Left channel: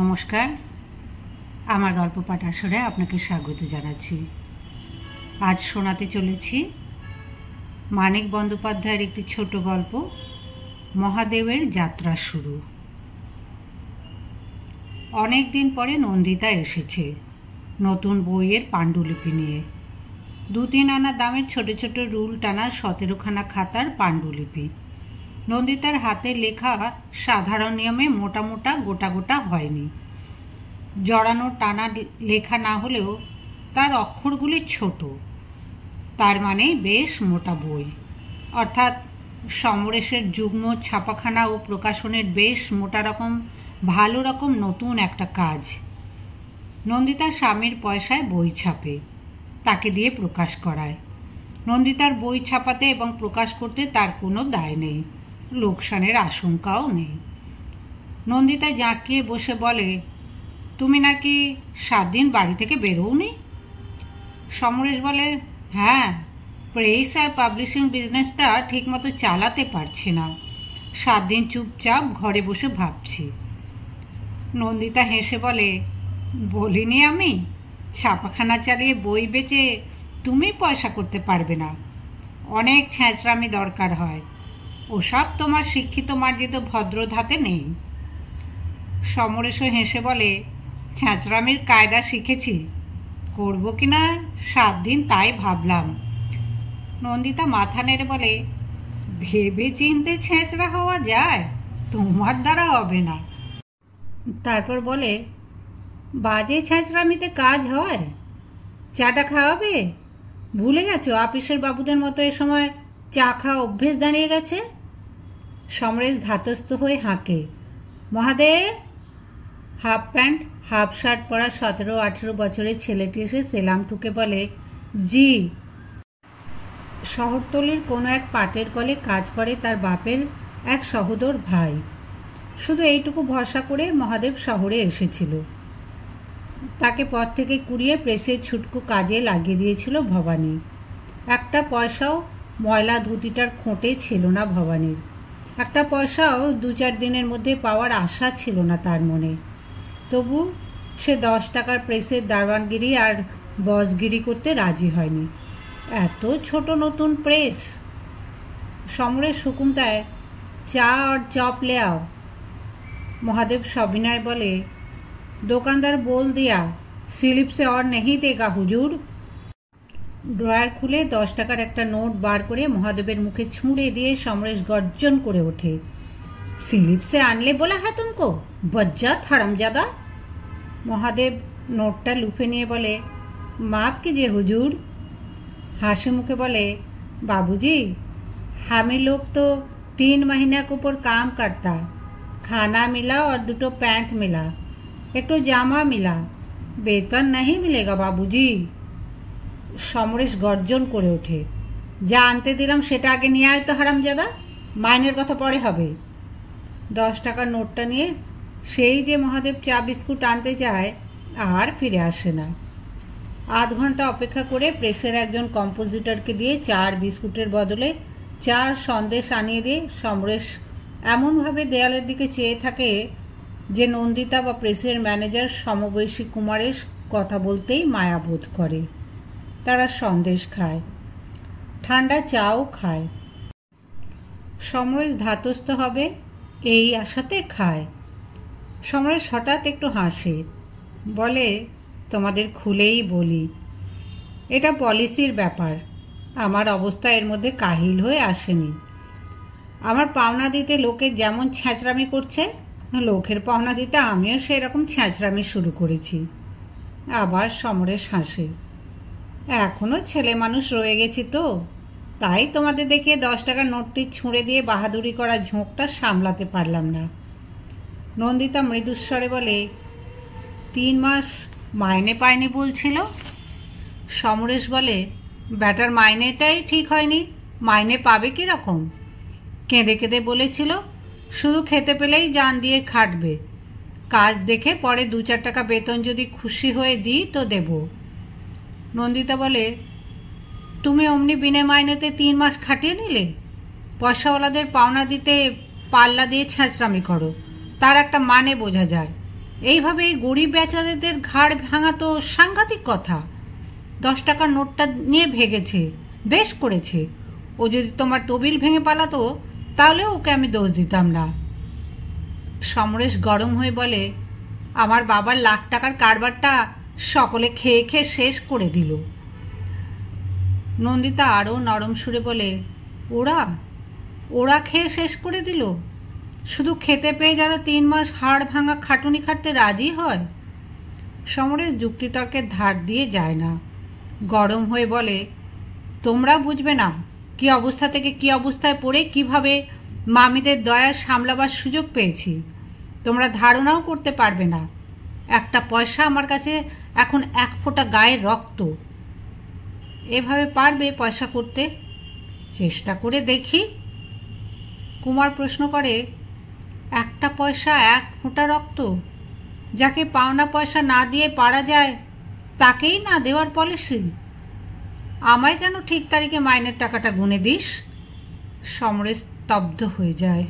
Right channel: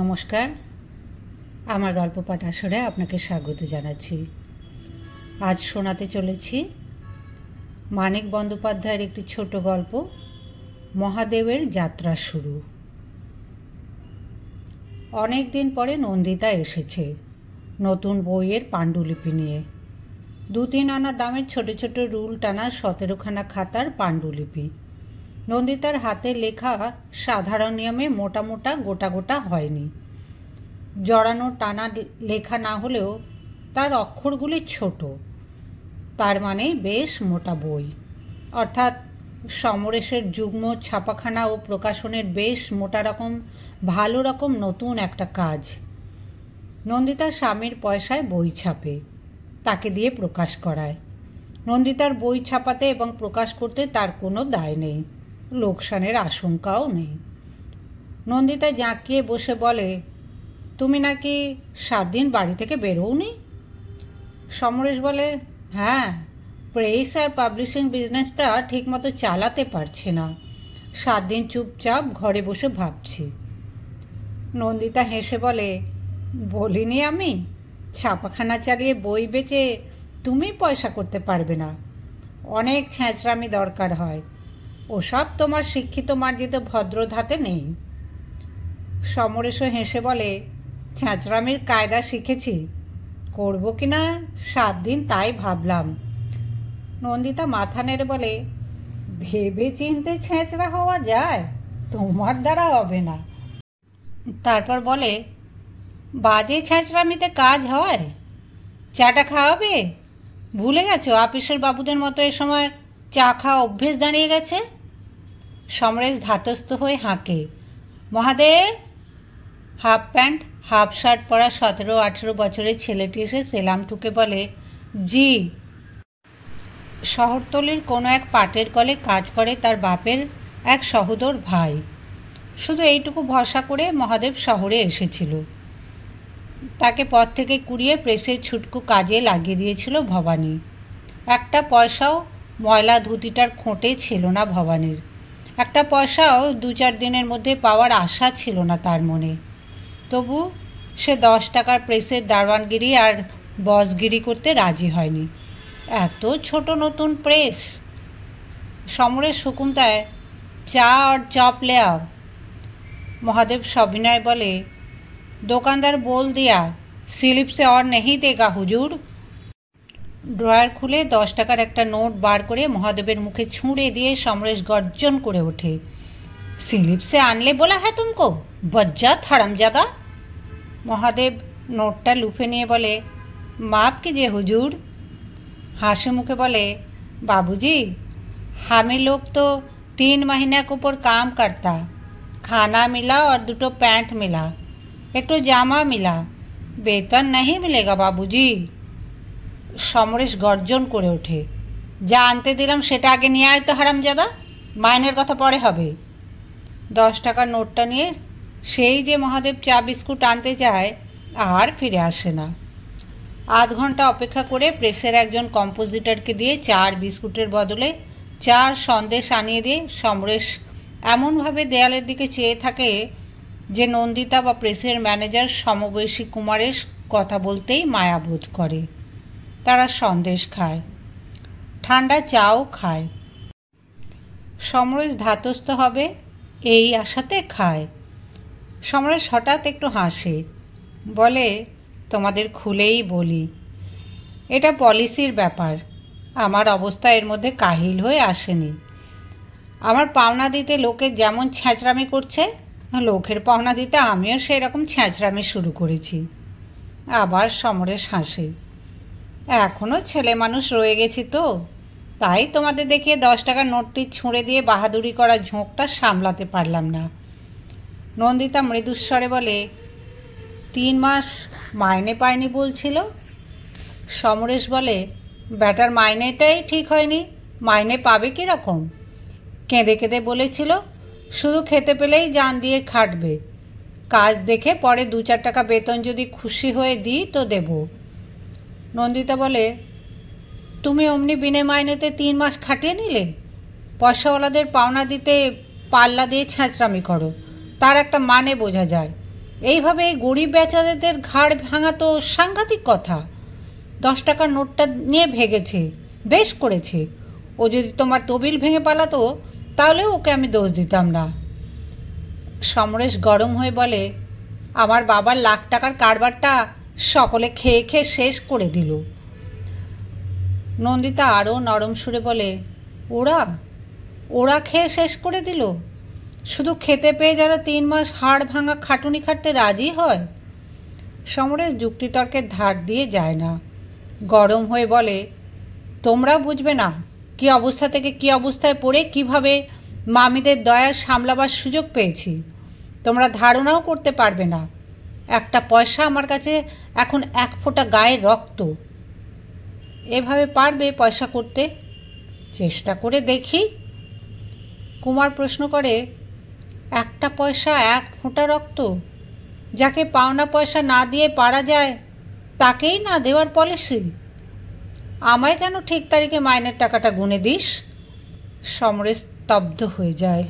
নমস্কার, আমার গল্প পাঠ আসরে আপনাকে স্বাগত জানাচ্ছি। আজ শোনাতে চলেছি মানিক বন্দ্যোপাধ্যায়ের একটি ছোট গল্প, মহাদেবের যাত্রা শুরু। অনেক দিন পরে নন্দিতা এসেছে নতুন বইয়ের পাণ্ডুলিপি নিয়ে। 2-3 আনা দামের ছোট ছোট রুল টানা 17খানা খাতার পাণ্ডুলিপি। নন্দিতার হাতে লেখা সাধারণ নিয়মে মোটা মোটা গোটা গোটা হয়নি। জড়ানো টানা লেখা না হলেও তার অক্ষরগুলি ছোট, তার মানে বেশ মোটা বই, অর্থাৎ সমরেশের যুগ্ম ছাপাখানা ও প্রকাশনের বেশ মোটা রকম ভালো রকম নতুন একটা কাজ। নন্দিতার স্বামীর পয়সায় বই ছাপে, তাকে দিয়ে প্রকাশ করায়। নন্দিতার বই ছাপাতে এবং প্রকাশ করতে তার কোনো দায় নেই, লোকসানের আশঙ্কাও নেই। নন্দিতা জাঁকিয়ে বসে বলে, তুমি নাকি 7 দিন বাড়ি থেকে বেরোওনি? সমরেশ বলে, হ্যাঁ, প্রেস আর পাবলিশিং বিজনেসটা ঠিকমতো চালাতে পারছি না, 7 দিন চুপচাপ ঘরে বসে ভাবছি। নন্দিতা হেসে বলে, বলিনি আমি ছাপাখানা চালিয়ে বই বেচে তুমি পয়সা করতে পারবে না, অনেক ছ্যাঁচড়ামি দরকার হয়, ওসব তোমার শিক্ষিত মার্জিত ভদ্র ধাতে নেই। সমরেশও হেসে বলে, ছ্যাঁচড়ামির কায়দা শিখেছি, করবো কিনা 7 দিন তাই ভাবলাম। নন্দিতা মাথা নেড়ে বলে, ভেবে চিনতে ছ্যাঁচড়া হওয়া যায়, তোমার দ্বারা হবে না। তারপর বলে, বাজে ছ্যাঁচড়ামিতে কাজ হয়? চাটা খাওয়াবে? ভুলে গেছো আপিসের বাবুদের মতো এ সময় চা খাওয়া অভ্যেস দাঁড়িয়ে গেছে? সমরেশ ধাতস্থ হয়ে হাঁকে। Mahadev! Half pant half shirt পরা 17-18 বছরের ছেলেটি এসে সেলাম ঠুকে বলে, জি। শহরতলির কোনো এক পাটের কলে কাজ করে তার বাপের এক সহোদর ভাই। শুধু এইটুকু ভরসা করে মহাদেব শহরে এসেছিল। তাকে পথ থেকে কুড়িয়ে প্রেসের ছুটকু কাজে লাগিয়ে দিয়েছিল ভবানী। একটা পয়সাও ময়লা ধুতিটার খোঁটে ছিল না ভবানীর। একটা পয়সাও 2-4 দিনের মধ্যে পাওয়ার আশা ছিল না তার মনে। তবু সে 10 টাকার প্রেসের দারওয়ানগিরি আর বসগিরি করতে রাজি হয়নি। এত ছোট নতুন প্রেস। সমরেশ হুকুম দেয়, চা আর চপ ले आओ। মহাদেব সবিনয় বলে, দোকানদার बोल दिया स्लिप से और नहीं देगा हुजूर। ড্রয়ার খুলে 10 টাকার একটা নোট বার করে মহাদেবের মুখে ছুঁড়ে দিয়ে সমরেশ গর্জন করে ওঠে, স্লিপ সে আনলে বলা হ্যাঁ তুমকো, বজ্জাত হারামজাদা। মহাদেব নোটটা লুফে নিয়ে বলে, মাফ कीजिए हुजूर। হাসি মুখে বলে, बाबूजी हमें लोग तो 3 महीने के ऊपर काम करता, खाना मिला और 2 पैंट मिला, एक জামা मिला, বেতন नहीं मिलेगा बाबूजी। সমরেশ গর্জন করে ওঠে, যা আনতে দিলাম সেটা আগে নিয়ে আয় তো হারামজাদা, মাইনের কথা পরে হবে। 10 টাকার নোটটা নিয়ে সেই যে মহাদেব চা বিস্কুট আনতে যায় আর ফিরে আসে না। আধ ঘন্টা অপেক্ষা করে প্রেসের একজন কম্পোজিটরকে দিয়ে চা আর বিস্কুটের বদলে চা আর সন্দেশ আনিয়ে দিয়ে সমরেশ এমনভাবে দেয়ালের দিকে চেয়ে থাকে যে নন্দিতা বা প্রেসের ম্যানেজার সমবয়সী কুমারের কথা বলতেই মায়াবোধ করে। তারা সন্দেশ খায়, ঠান্ডা চাও খায়। সমরেশ ধাতস্থ হবে এই আশাতে খায়। সমরেশ হঠাৎ একটু হাসে, বলে, তোমাদের খুলেই বলি, এটা পলিসির ব্যাপার, আমার অবস্থা এর মধ্যে কাহিল হয়ে আসেনি। আমার পাওনা দিতে লোকে যেমন ছ্যাঁচড়ামি করছে, লোকের পাওনা দিতে আমিও সেরকম ছ্যাঁচড়ামি শুরু করেছি। আবার সমরেশ হাসে, এখনও ছেলে মানুষ রয়ে গেছি তো, তাই তোমাদের দেখিয়ে 10 টাকার নোটটি ছুঁড়ে দিয়ে বাহাদুরি করার ঝোঁকটা সামলাতে পারলাম না। নন্দিতা মৃদুস্বরে বলে, 3 মাস মাইনে পায়নি বলছিল। সমরেশ বলে, ব্যাটার মাইনেটাই ঠিক হয়নি, মাইনে পাবে কীরকম? কেঁদে কেঁদে বলেছিল শুধু খেতে পেলেই জান দিয়ে খাটবে, কাজ দেখে পরে 2-4 টাকা বেতন যদি খুশি হয়ে দিই তো দেব। নন্দিতা বলে, তুমি অমনি বিনে মাইনেতে 3 মাস খাটিয়ে নিলে? পয়সাওয়ালাদের পাওনা দিতে পাল্লা দিয়ে ছ্যাঁচড়ামি করো, তার একটা মানে বোঝা যায়। এইভাবে গরিব বেচারাদের ঘাড় ভাঙা তো সাংঘাতিক কথা। 10 টাকার নোটটা নিয়ে ভেগেছে, বেশ করেছে। ও যদি তোমার তবিল ভেঙে পালাতো তাহলেও ওকে আমি দোষ দিতাম না। সমরেশ গরম হয়ে বলে, আমার বাবার লাখ টাকার কারবারটা সকলে খেয়ে খেয়ে শেষ করে দিল। নন্দিতা আরও নরম সুরে বলে, ওরা ওরা খেয়ে শেষ করে দিল? শুধু খেতে পেয়ে যারা 3 মাস হাড় ভাঙা খাটুনি খাটতে রাজি হয়? সমরেশ যুক্তিতর্কের ধার দিয়ে যায় না, গরম হয়ে বলে, তোমরা বুঝবে না কি অবস্থা থেকে কি অবস্থায় পড়ে কিভাবে মামিদের দয়া সামলাবার সুযোগ পেয়েছি। তোমরা ধারণাও করতে পারবে না। একটা পয়সা আমার কাছে এখন 1 ফোঁটা গায়ের রক্ত। এভাবে পারবে পয়সা করতে? চেষ্টা করে দেখি। কুমার প্রশ্ন করে, একটা পয়সা 1 ফোঁটা রক্ত? যাকে পাওনা পয়সা না দিয়ে পারা যায় তাকেই না দেওয়ার পলিসি? আমায় কেন ঠিক তারিখে মাইনের টাকাটা গুনে দিস? সমরেশ স্তব্ধ হয়ে যায়।